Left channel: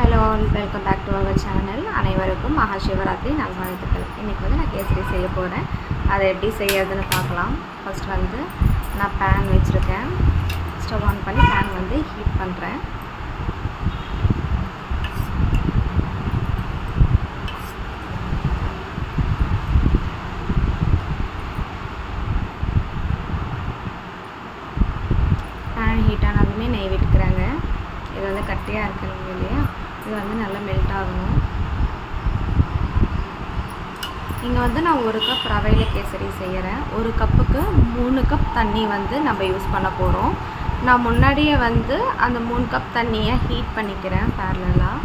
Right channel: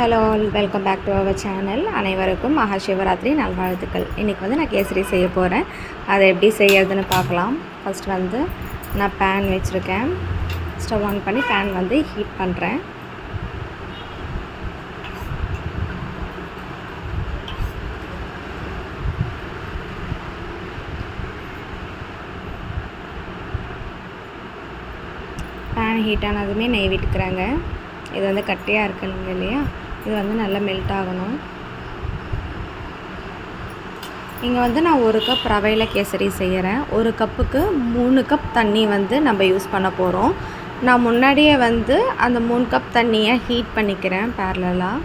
Hello all, welcome back to our channel. அனைவருக்கும் மகா சிவராத்திரி நல்வாழ்த்துக்கள். இன்றைக்கி வந்து நான் கேசரி செய்ய போகிறேன். அதை எப்படி செய்யறதுன்னு பார்க்கலாம். ஃபஸ்ட் வந்து நான் பேன் வச்சுருக்கேன். ஸ்டவ் ஆன் பண்ணி பேன் வந்து ஹீட் பண்ணுறேன். பேன் ஹீட் ஆனதுமே நெய் விட்டுக்கிறாங்க. இது வந்து கட்டியாக இருக்கணும் இல்லையா, இது வந்து நல்லா மெல்ட் ஆகணும். இங்கே வந்து நான் 1 கப் ரவையில் கேசரி செய்கிறேன். 1 கப்புக்கு 3 கப் தண்ணி வந்து நம்ம யூஸ் பண்ண போகிறோம். நான் முன்னாடியே வந்து அந்த 3 கப் தண்ணியை ஹீட் பண்ணிக்கிறேன் பேரலாக.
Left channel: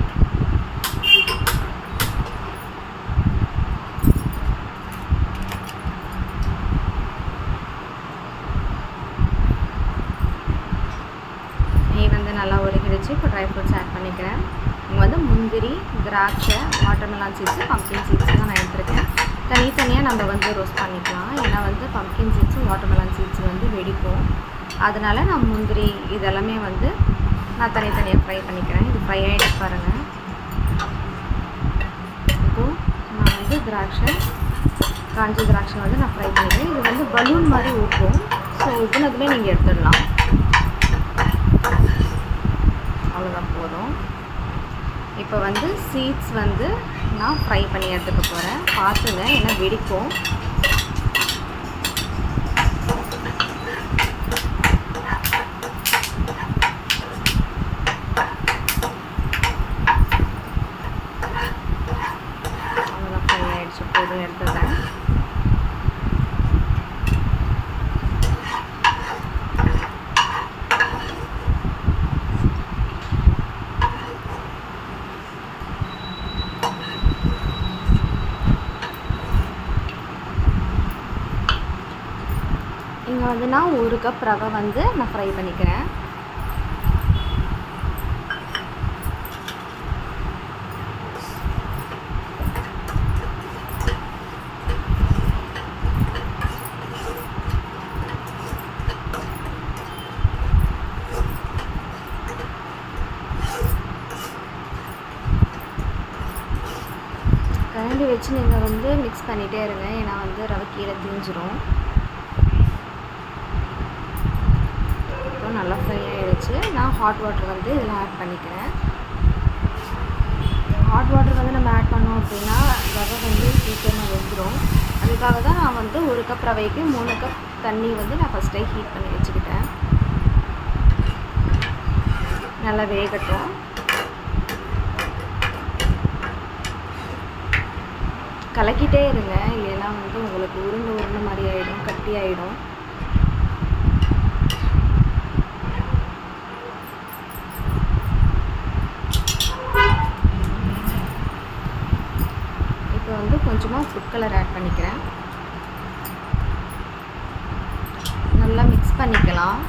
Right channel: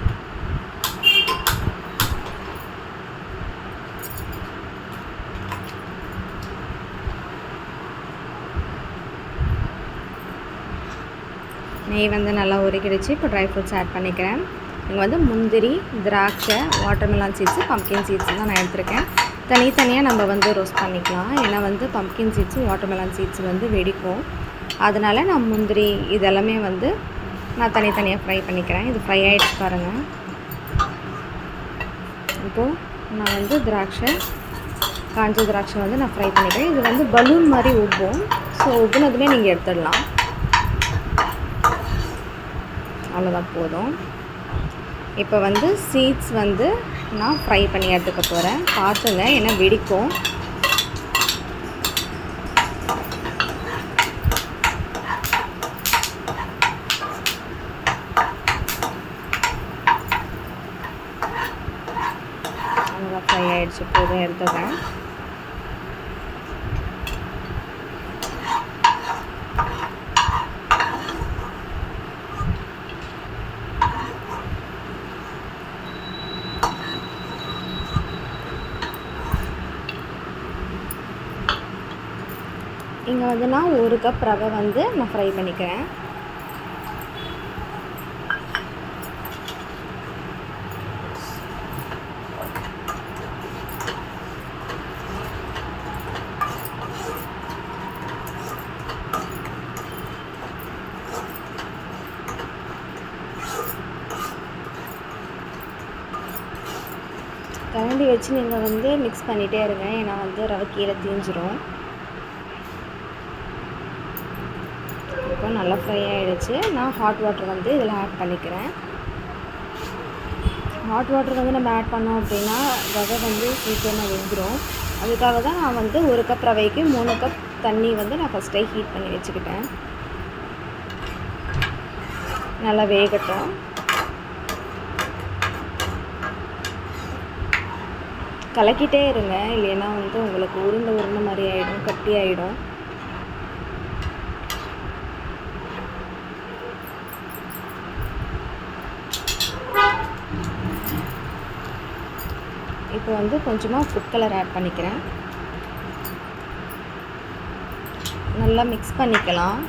நெய் வந்து நல்லா உருகிடுச்சு. இப்போ ட்ரை ஃப்ரூட்ஸ் ஆட் பண்ணிக்கிறேன். இங்கே வந்து முந்திரி, திராட்சை, வாட்டர்மெலான் சீட்ஸு, பம்ப்கின் சீட்ஸ் தான் நான் எடுத்திருக்கேன். தனித்தனியாக நம்ம வந்து ரோஸ்ட் பண்ணிக்கலாம். ஏன்னா வந்து பம்ப்கின் சீட்ஸும் வாட்டர்மெலான் சீட்ஸ் வந்து வெடிக்கும். அதனால் நான் முந்திரி இதெல்லாமே வந்து நான் தனித்தனியாக ஃப்ரை பண்ணிக்கிறேன். இது ஃப்ரை ஆகிடுச்சு பாருங்கள். இப்போது நான் வந்து காஞ்ச திராட்சை வந்து நான் ஃப்ரை பண்ணிக்கிறேன். இது வந்து பலூன் மாதிரி உப்பும். ஸோ உப்புனதுமே நீங்கள் எடுத்துடலாம். அவ்வளோதான், போதும். இப்போ வந்து சீட்ஸ் வந்து நான் ஃப்ரை பண்ணி எடுத்துக்க போகிறேன். பார்த்துங்க, ஏன்னா வெடிக்கும். அவ்வளோதான், ஃப்ரை ஆகிடுச்சு, போதும், எடுத்துக்கிறேன். இங்கே வந்து நான் 1 கப் ரவை வந்து நான் ஃப்ரை பண்ணிக்கிறேன். கரண்டி வச்சு நீங்கள் வந்து மிக்ஸ் பண்ணிகிட்டே இருங்க, ஏன்னா வந்து ரவை கீழே தீஞ்சிரும். இப்போ நல்லா ஃப்ரை ஆகிடுச்சு. நான் ஹாட் வாட்டர் வந்து இதில் ஆட் பண்ணிக்கிறேன். ஹாட் வாட்டர் வந்து நம்ம ஆட் பண்ணோம் அப்படின்னா ரவை வந்து சீக்கிரமாக வெந்துடும். அதுக்காக தான் நான் வந்து 1 கப் ரவைக்கு 3 கப் தண்ணி வந்து நான் ஃபஸ்ட்டே ஹீட் பண்ணி வச்சுக்கிட்டேன். நல்லா வேகட்டும். கலக்கிட்டே இருங்க, இல்லைன்னா வந்து உங்களுக்கு உருண்டை மாதிரி ஆகிடும், கட்டி ஆகிடும். இப்போ வந்து கொஞ்சமாக ஃபுட் கலர் ஆட் பண்ணிக்கிறேன். நல்லா மிக்ஸ் பண்ணிக்கலாம்.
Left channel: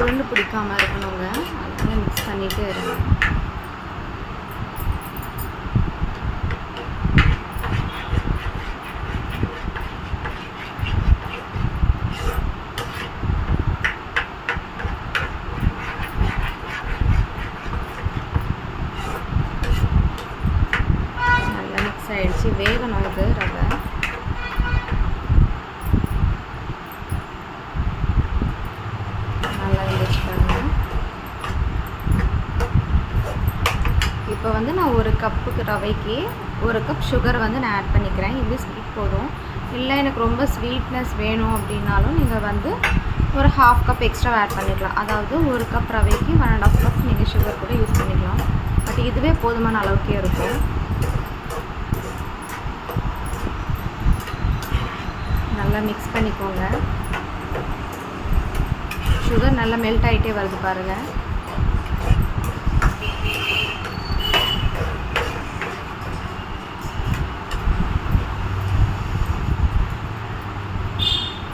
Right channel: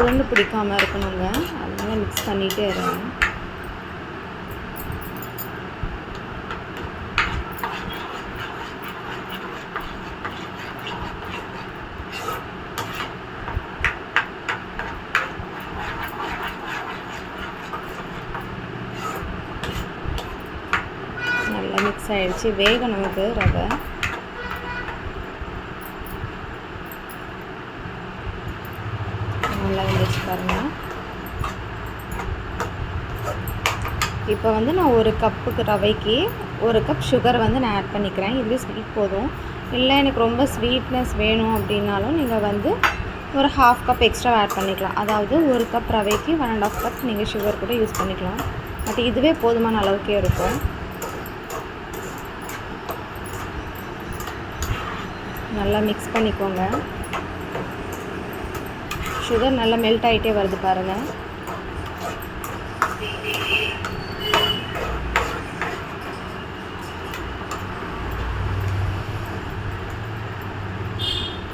உருண்டு பிடிக்காமல் இருக்கணுங்க, அதனால் மிக்ஸ் பண்ணிகிட்டே இருங்க. நல்லா மிக்ஸ் ஆகிடுச்சு. வேகணும் இது ரவை. நல்லா இருந்துச்சு பாருங்கள். இப்போ வந்து நான் 1 கப்புக்கு ரவைக்கு 1 கப் சுகர் வந்து நான் ஆட் பண்ணிக்கிறேன். இதுவே ஸ்வீட் போதும். இல்லை எனக்கு ரொம்ப ஸ்வீட்னஸ் வேணும் அப்படின்னாலும் நீங்கள் வந்து ஒரு 1/2 கப் எக்ஸ்ட்ரா ஆட் பண்ணிக்கலாம். அதாவது 1 கப் ரவைக்கு 1.5 கப் நீங்கள் சுகர் கூட யூஸ் பண்ணிக்கலாம். பட் இதுவே போதுமான அளவுக்கே இருக்கும். நல்லா மிக்ஸ் பண்ணிக்கோங்க. சுகர் நல்லா மெல்ட் ஆகிட்டே வருது பாருங்கள்.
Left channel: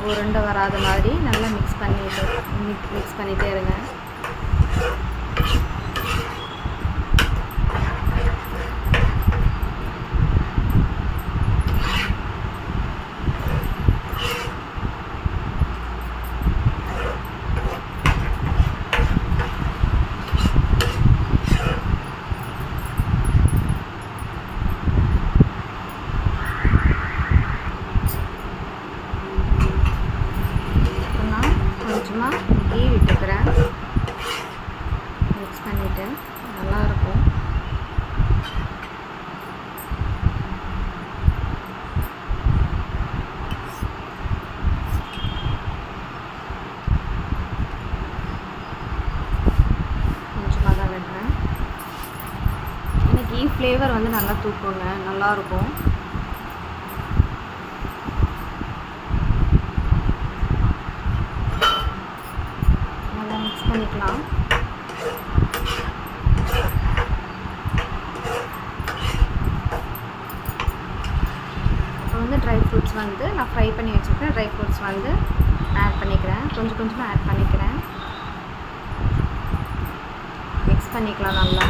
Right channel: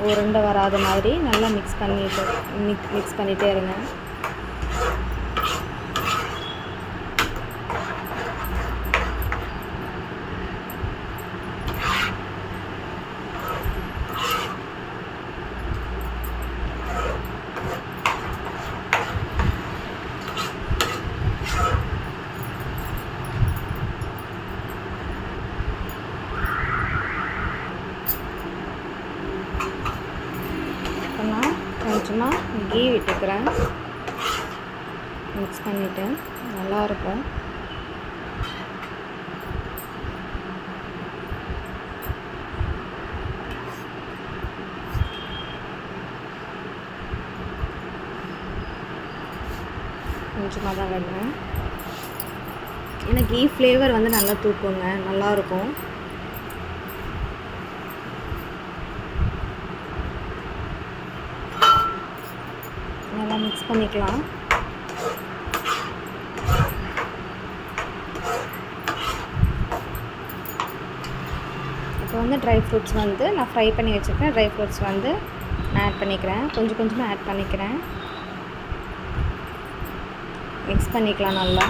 உருண்டை வராத மாதிரி நல்லா மிக்ஸ் பண்ணிகிட்டே இருங்க. மிக்ஸ் பண்ணிவிட்டு நல்லாயிருக்கும். கொஞ்சமாக தான் விடுறேன். ஏன்னா கீ ஃப்ளேவர் வந்து நல்லா தூக்குங்க, நல்லாயிருக்கும். நல்லா மிக்ஸ் பண்ணிக்கலாம். இப்போ வந்து ட்ரை ஃப்ரூட்ஸ் வந்து நான் ஃப்ரை பண்ணி வச்சுருக்கேன். ட்ரை ஃப்ரூட்ஸ் வந்து நான் ஆட் பண்ணிக்கிறேன். கொஞ்சம் கொஞ்சமாக ஆட் பண்ணிக்கிறேன். மிக்ஸ் பண்ணிக்கலாம் நல்லா.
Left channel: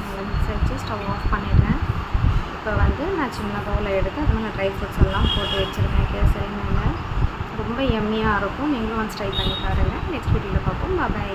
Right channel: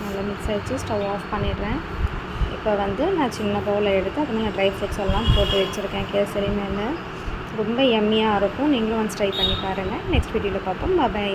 நல்லா மிக்ஸ் ஆகிடுச்சு. ஸ்டவ் ஆஃப் பண்ணிடுறேன். இப்போ வந்து நான் சின்ன பவுலில் எடுத்து அதில் நான் ட்ரை ஃப்ரூட்ஸ் எல்லாம் போட்டு வச்சுருக்கேன் கேசரி மேலே. ரொம்ப யம்மியாக இருக்கும். நீங்களும் ஒன்ஸ் ட்ரை பண்ணி பாருங்கள். நெக்ஸ்ட் வீடியோவில் பார்ப்போம். பாய்.